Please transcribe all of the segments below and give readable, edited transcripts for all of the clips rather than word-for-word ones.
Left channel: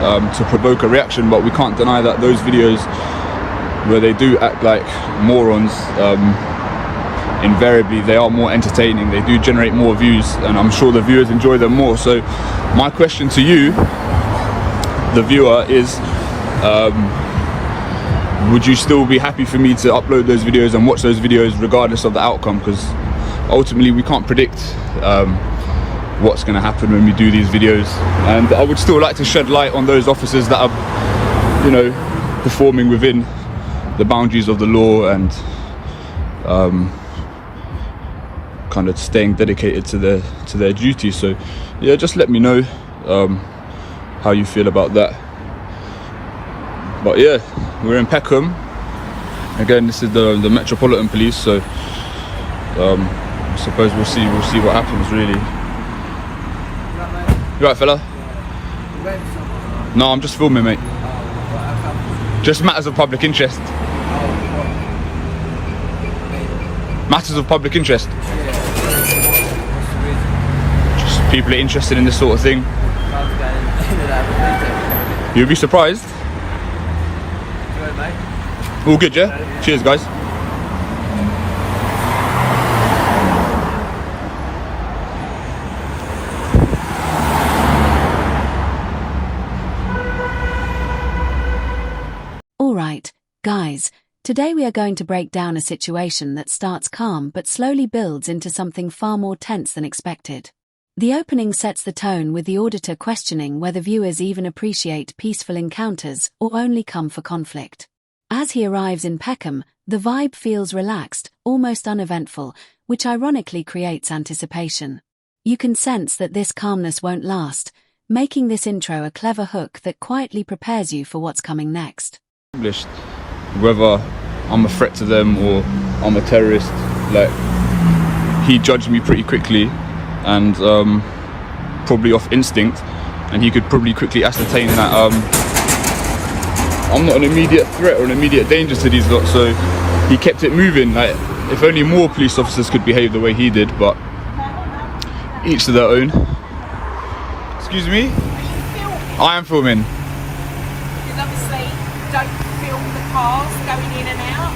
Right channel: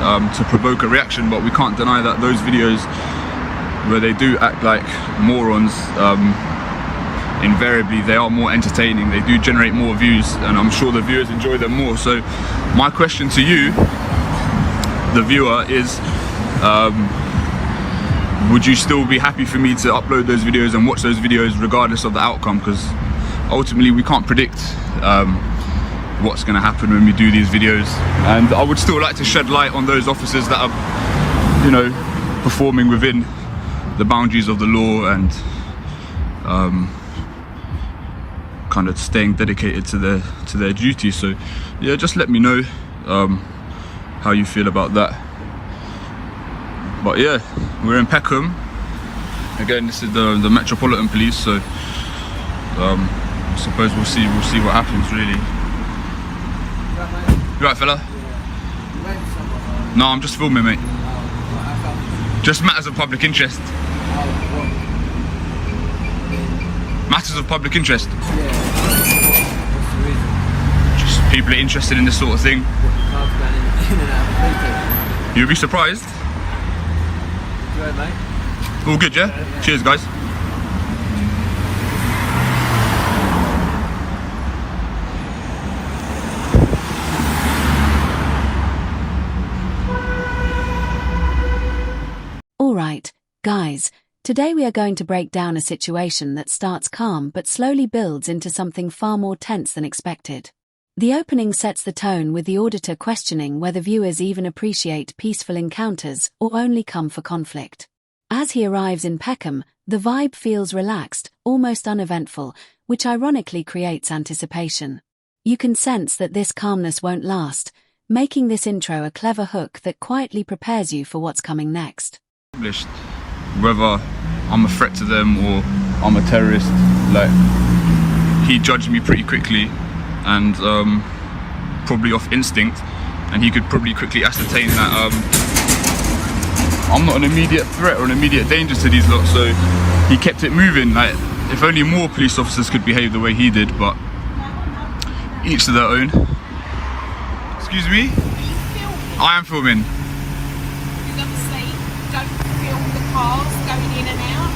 to provoke a reaction, but we can't deny that those videos where they do act like morons, invariably they are more entertaining, they do generate more views, and I'm sure the viewers enjoy them more. So my question to you, the viewer, is would you still be happy for me to upload those videos and watch those videos regardless of the outcome? Because ultimately we can't predict what's going to happen when we do these videos, and I would still like to shed light on those officers that are, you know, performing within the boundaries of the law and kind of staying dedicated to their duty. So yeah, just let me know how you feel about that. But yeah, we're in Peckham again. This is the Metropolitan Police, so I suppose we'll see what happens, really. You right, fella? Yeah. No, I'm just filming, mate. Just matters of public interest. Matters of public interest. Yeah. What's the reason? Just people are interested in this sort of thing. You'll be surprised. Good, mate. All good, yeah? Cheers, guys. Alright, guys, today we are going to break down a situation that starts calm but slowly builds into something far more tense than expected. The opening sets the tone with the auditor questioning whether viewers even appreciate peaceful encounters or only come for conflict. As he arrives in Peckham, the vibe feels relaxed, almost uneventful, which ironically creates anticipation. You can sense that this calmness won't last, making this intro a clever hook that quietly prepares you for what's coming next. Whether I'm a threat to them or I'm a terrorist, like, he judged me pretty quickly and probably off instinct, and he could probably quickly ascertain that I'm not an immediate threat or an immediate danger to these lot, so he kept it moving. Like, if only more police officers could behave the way he did, but each to their own. Excuse me? I am filming. Because obviously, don't film the cars going in and out.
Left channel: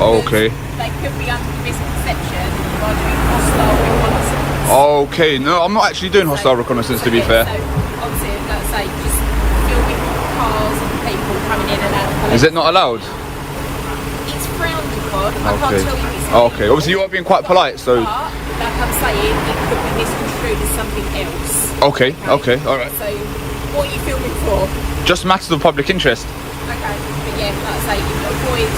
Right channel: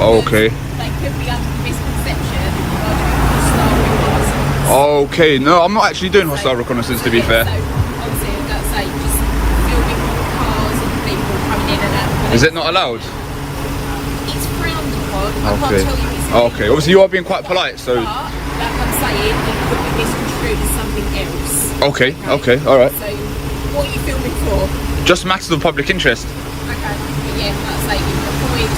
Oh, okay. They could be under misconception or hostile reconnaissance. Okay, no, I'm not actually doing hostile reconnaissance, to be fair. So obviously, let's say filming cars and people coming in and out. Is it not allowed? It's frowned upon. I Okay. can't tell you it's Oh, okay. Obviously, you are being quite polite, so. But, like I'm saying, it could be misconstrued as something else. Okay, okay, alright. So, what are you filming for? Just matters of public interest. Okay, but yeah, that's like avoid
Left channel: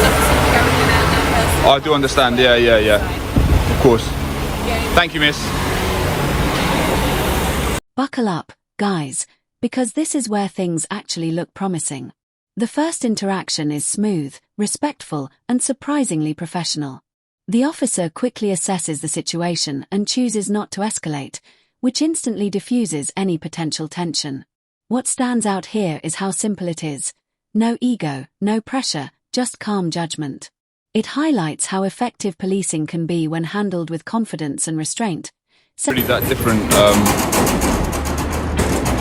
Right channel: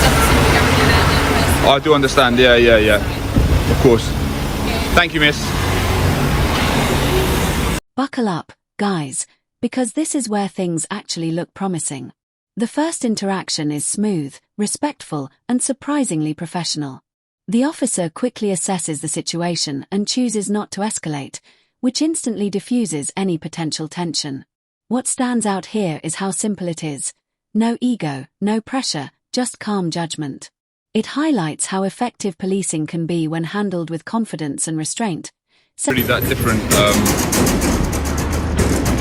something going in and out that person. I do understand, yeah. Of course. Yeah. Thank you, miss. Buckle up, guys, because this is where things actually look promising. The first interaction is smooth, respectful, and surprisingly professional. The officer quickly assesses the situation and chooses not to escalate, which instantly diffuses any potential tension. What stands out here is how simple it is. No ego, no pressure, just calm judgment. It highlights how effective policing can be when handled with confidence and restraint. Really that different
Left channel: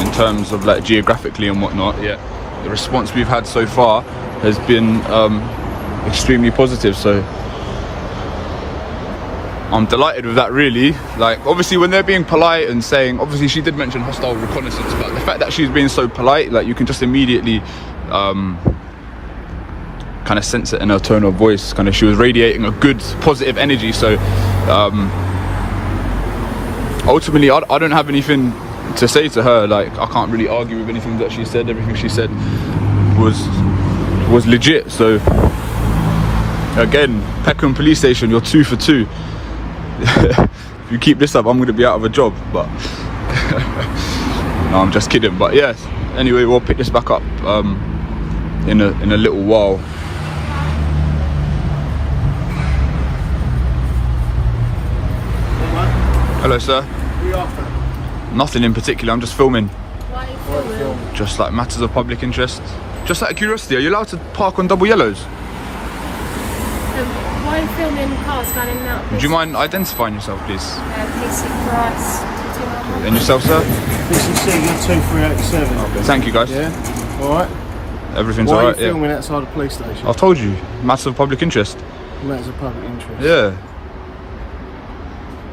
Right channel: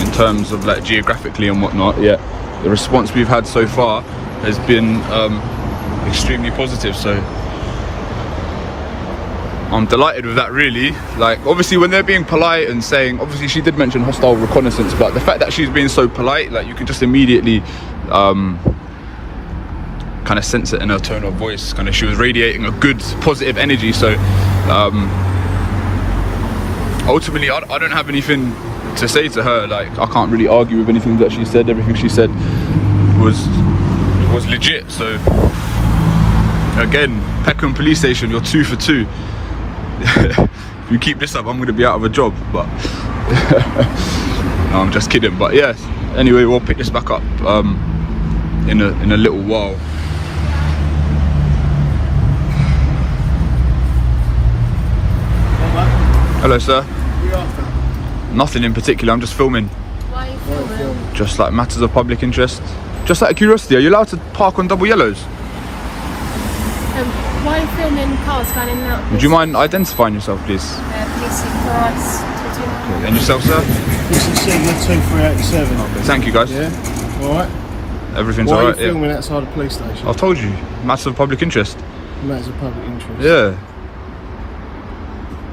in terms of like geographically and whatnot, yet the response we've had so far has been extremely positive, so I'm delighted with that, really. Like, obviously when they're being polite and saying, obviously she did mention hostile reconnaissance, but the fact that she's being so polite, like, you can just immediately kind of sense it in her tone of voice. Kind of, she was radiating a good positive energy, so ultimately I don't have anything to say to her. Like, I can't really argue with anything that she said. Everything she said was legit. So again, Peckham police station, you're 2 for 2. If you keep this up, I'm going to be out of a job, but no, I'm just kidding. But yeah, anyway, we'll pick this back up in a little while. Hello, sir. Nothing in particular, I'm just filming. Just like matters of public interest. Just out of curiosity, are you allowed to park on double yellows? Why are you filming cars going in and out? Would you mind identifying yourself, please? PC Price, 29. And yourself, sir? This is C2387. Okay, thank you, guys. Yeah? Alright. Everything's Why are you alright. filming outside the police station? I told you, matter of public interest. Matters of public interest. Yeah.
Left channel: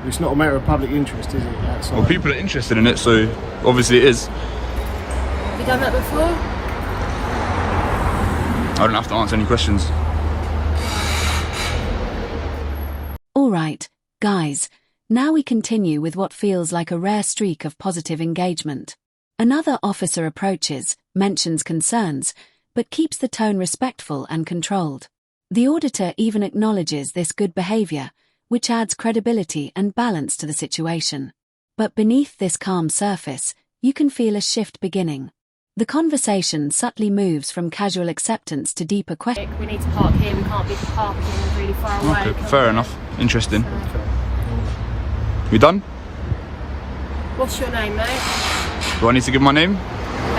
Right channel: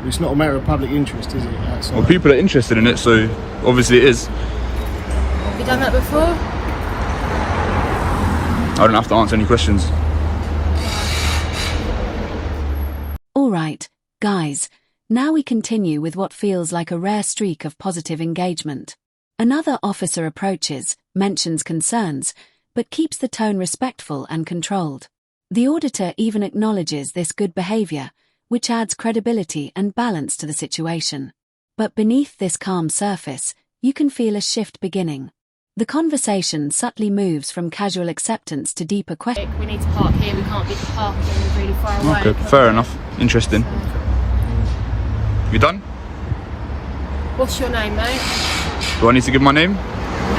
It's not a matter of public interest, is it? Outside. Well, people are interested in it, so obviously it is. Have you done that before? I don't have to answer any questions. Alright, guys, now we continue with what feels like a rare streak of positive engagement. Another officer approaches, mentions concerns, but keeps the tone respectful and controlled. The auditor even acknowledges this good behavior, which adds credibility and balance to the situation. But beneath this calm surface, you can feel a shift beginning. The conversation subtly moves from casual acceptance to deeper questions. We need to park here, we can't be parking really far away. Okay, fair enough. Interesting. You done? What's your name, mate? Do I need to give my name?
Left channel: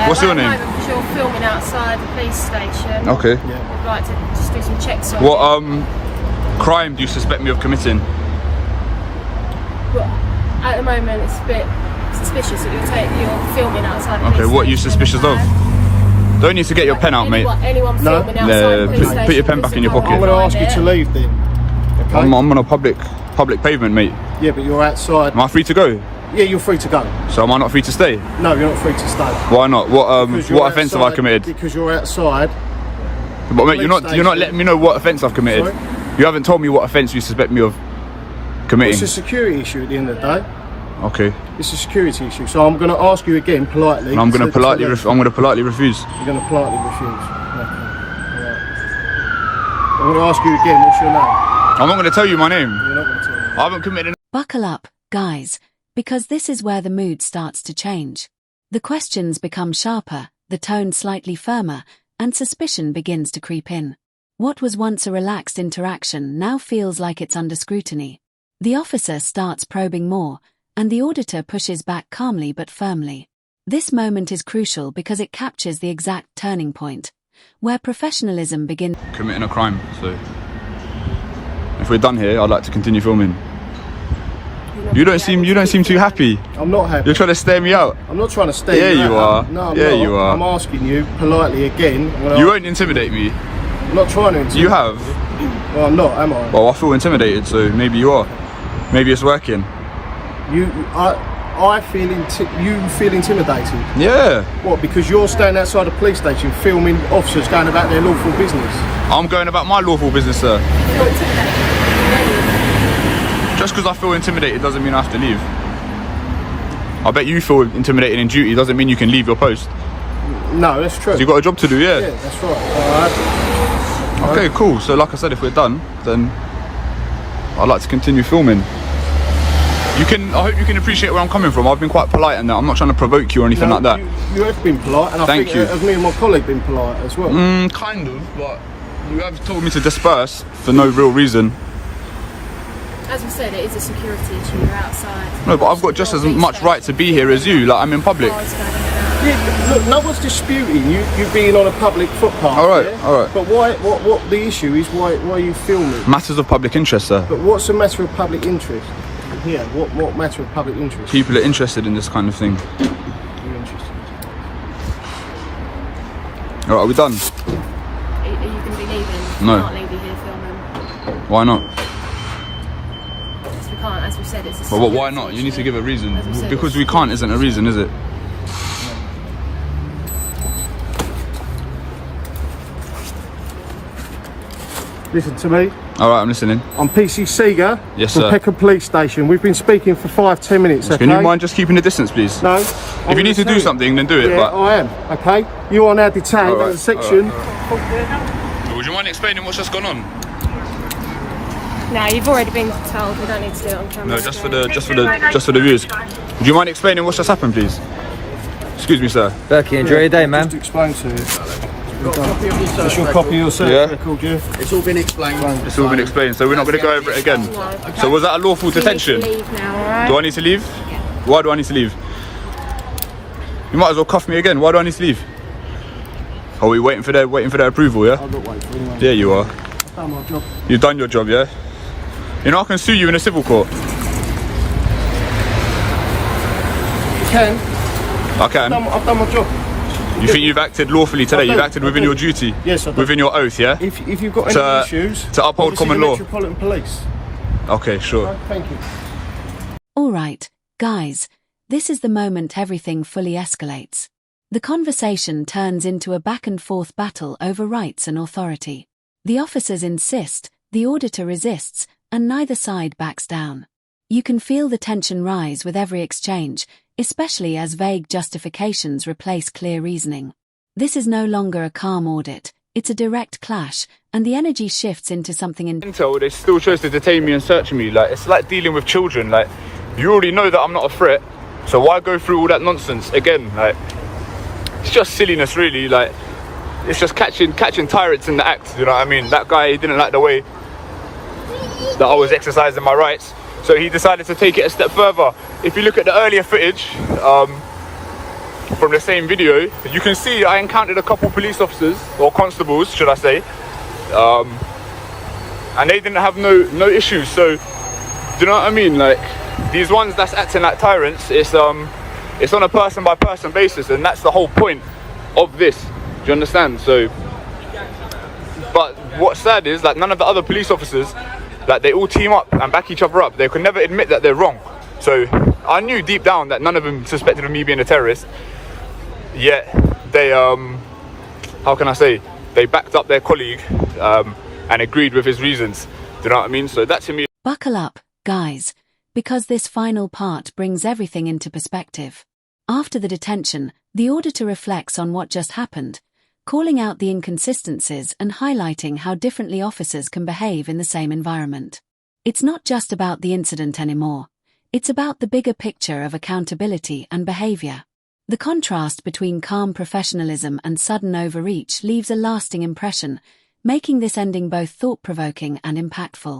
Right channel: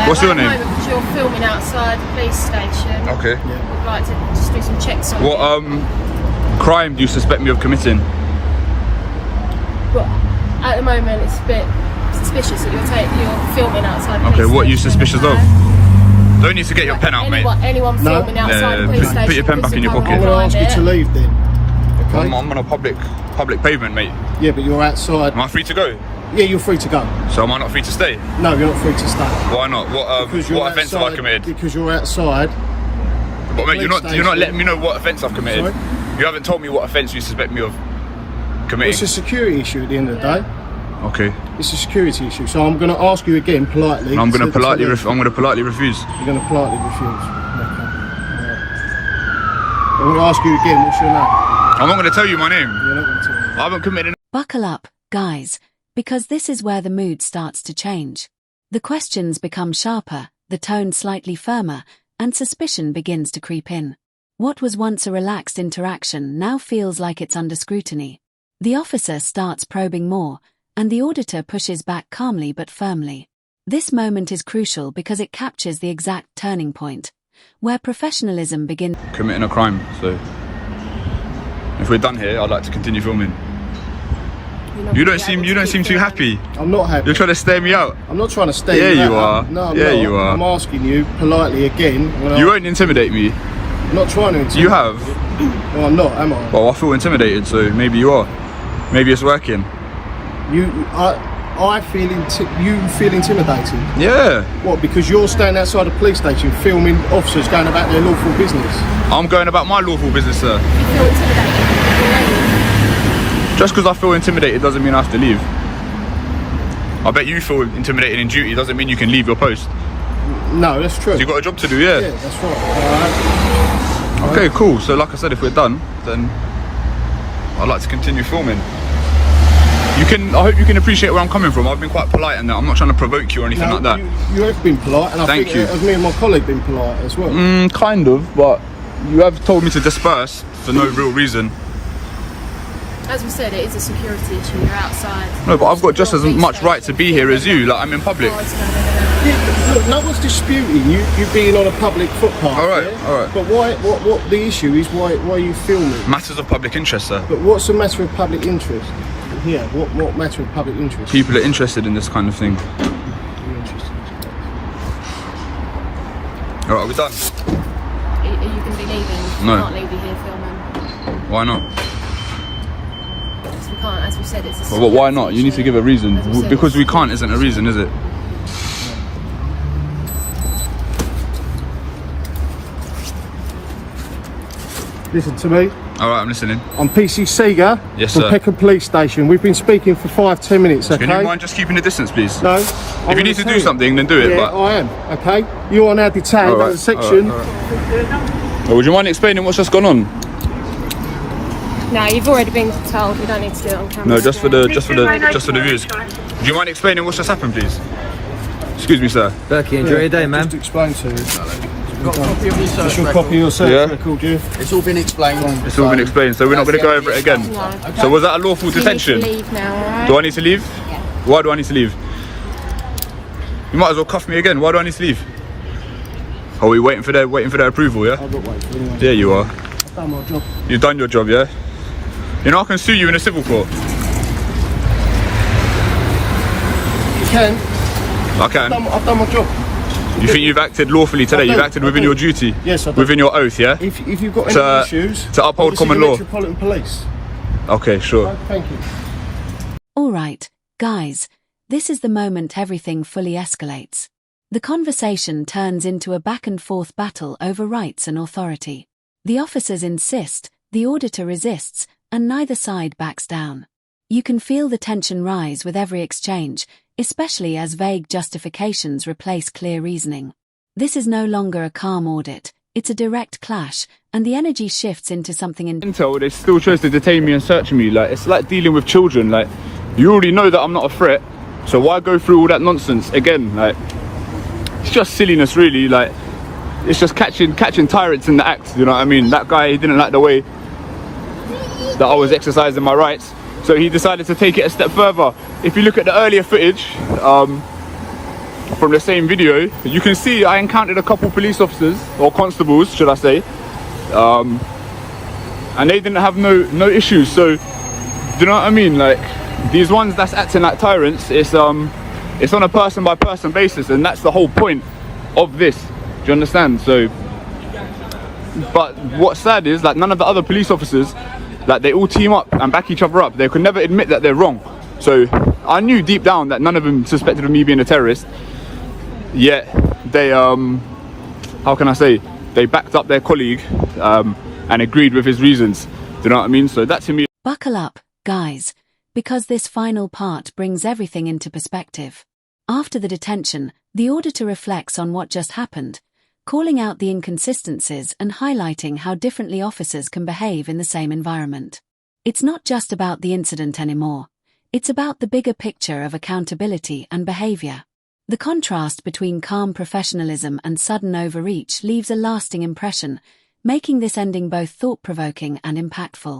What's your name? Because you're filming outside the police station. Okay. We'd like to just do some checks on What you. crime do you suspect me of committing? But at the moment, it's a bit suspicious that you're filming outside the police Okay, what are you station in a suspicious of? bag. Don't need to get your pen out, mate. Anyone No. filming outside the police station. Put your pen back in your pocket. I'm going to ask you to leave then. Okay? I'm on a public pavement, mate. Yeah, but you're outside. Am I free to go? Yeah, you're free to go. So am I not free to stay? No, you're not free to stay. Why not? Because you're What offence have I outside- committed? Because you're outside. But mate, you're not station. letting me know what offence I've committed. Sorry? You haven't told me what offence you suspect me of It's committing. a security issue at the end of the day. Okay. It's a security issue. So I'm going to ask you again politely. And I'm going to to politely leave. refuse. You're going to politely refuse. Okay. Alright. I'm going to ask you again, what's your name? I'm not going to tell you my name. You're not going to tell me. I haven't committed. Buckle up, guys, because this is where the mood starts to change. The questions become sharper, the tone slightly firmer, and suspicion begins to creep in. What was once a relaxed interaction now feels like it's under scrutiny. The officer starts probing more, and the auditor pushes back calmly but firmly. This moment is crucial because it captures the exact turning point, where professionalism begins. Committing a crime, so if we're done here, I'd like to continue filming. You don't seem too happy. I'm not happy. You're trying to stare me out. I'm not trying to stay. Yeah, you are. No, I'm Yeah, not. you are. I'm asking you politely again. You won't intimidate me. I'm not trying to intimidate. You have. No, I'm not, am I? Well, I feel intimidated, so maybe you are. Maybe it's working. I feel you feel intimidated. Yeah. What? Because you're standing outside a police station filming officers going about their lawful business. I'm going about my lawful business, sir. Just because I feel intimidated doesn't mean I have to leave. I bet you feel intimidated in duty doesn't mean you can leave your post. No, that's true. So you've got a job to do, yeah? Yeah, that's right. Alright. Okay, cool. So like I said, if we're done, then I'd like to continue filming. I hope you can appreciate where I'm coming from. I've been quite polite in that. I'm not trying to provoke you or anything like that. You have been polite, and I Thank think you. me and my colleague been polite as well. Kind of, but you have told me to disperse for no real reason. As we said, it is a security issue. You're outside. No, but I've got just as much right to be here as you. Like, I'm in public. Cars going in and out. Look, no one's disputing you being on a public footpath. Alright, yeah? alright. But what the issue is, why are you filming? Matters of public interest, sir. But what's the matter of public interest? Here, what matter of public interest? People are interested in this kind of thing. You're interested. Alright, are we done? Are you going to be leaving? No. You can't leave you here filming. Why not? Because we can't, as we said, it's a But why security not? You need to issue. give a reason. As we said, Because we can't isn't a reason, is it? Listen to me. Alright, I'm listening. I'm PC Seeger Yes, from sir. Peckham Police Station. We've been speaking for 5-10 minutes, okay? Can you mind just keeping the distance, please? No. If you need to do something, then do it. Yeah, But I am, okay? You are now detained Alright, at the section. alright. Would you mind explaining what's just gone on? No, you've already been told. We don't need to do it on camera. No, just for the viewers. Do you mind explaining what's just happened, please? Excuse me, sir. Berkey, enjoy your day, man. Just to explain to you. Just a copy of your service Yeah. record, yeah? It's all been explained. It's all been explained, so we're not going to go over it again. So was that a lawful You need to detention? leave now, alright? Do I need to leave? Why do I need to leave? You might as well cuff me again. Why do I need to leave? Are we waiting for their approval? Yeah. I've got to wait for anyone. There you are. I've done my job. You've done your job, yeah. You know I can sue you in a civil court. You can. I can. I've done my job. You think you've acted lawfully today? You've acted within your duty? Yes, I do. Within your oath, yeah? If you've got any issues, to uphold common the law. Metropolitan Police. Okay, sure. Thank you. Alright, guys, this is the moment everything fully escalates. The conversation turns into a back and forth battle over rights and authority. The officers insist, the auditor resists, and neither side backs down. You can feel the tension rise with every exchange, especially as vague justifications replace clear reasoning. This is no longer a calm audit, it's a direct clash, and the energy shifts into something Intel, they still chose to detain me and search me. Like, it's like dealing with children. Like, you already know that I'm not a threat, so why go through all that nonsense again? Like, it's just silliness, really. Like, it's just catching tyrants in the act, you know what I mean? That guy, he didn't like the way that I was exercising my rights, so he decided to take it a step further. If you look at the earlier footage from the same video, you can see I encountered a couple police officers, or constables should I say, and they didn't have no issues. So, do you know what I mean? Like, these ones that's acting like tyrants, it's on a person by person basis, and that's the whole point of this. Do you understand? So, but what's sad is, like, none of the other police officers, like, they all team up and back each other up. They could never admit that they're wrong. So I knew deep down that none of them suspected of me being a terrorist. Yet they, how can I say, they backed up their colleague and agreed with his reasons. Do you know what I mean? So that to me. Buckle up, guys, because this final part brings everything into perspective. After the detention, the auditor reflects on what just happened, calling out the inconsistencies and highlighting how differently officers can behave in the same environment. It's not just about the incident anymore. It's about the bigger picture of accountability and behavior. The contrast between calm professionalism and sudden overreach leaves a lasting impression, making this ending both thought-provoking and impactful.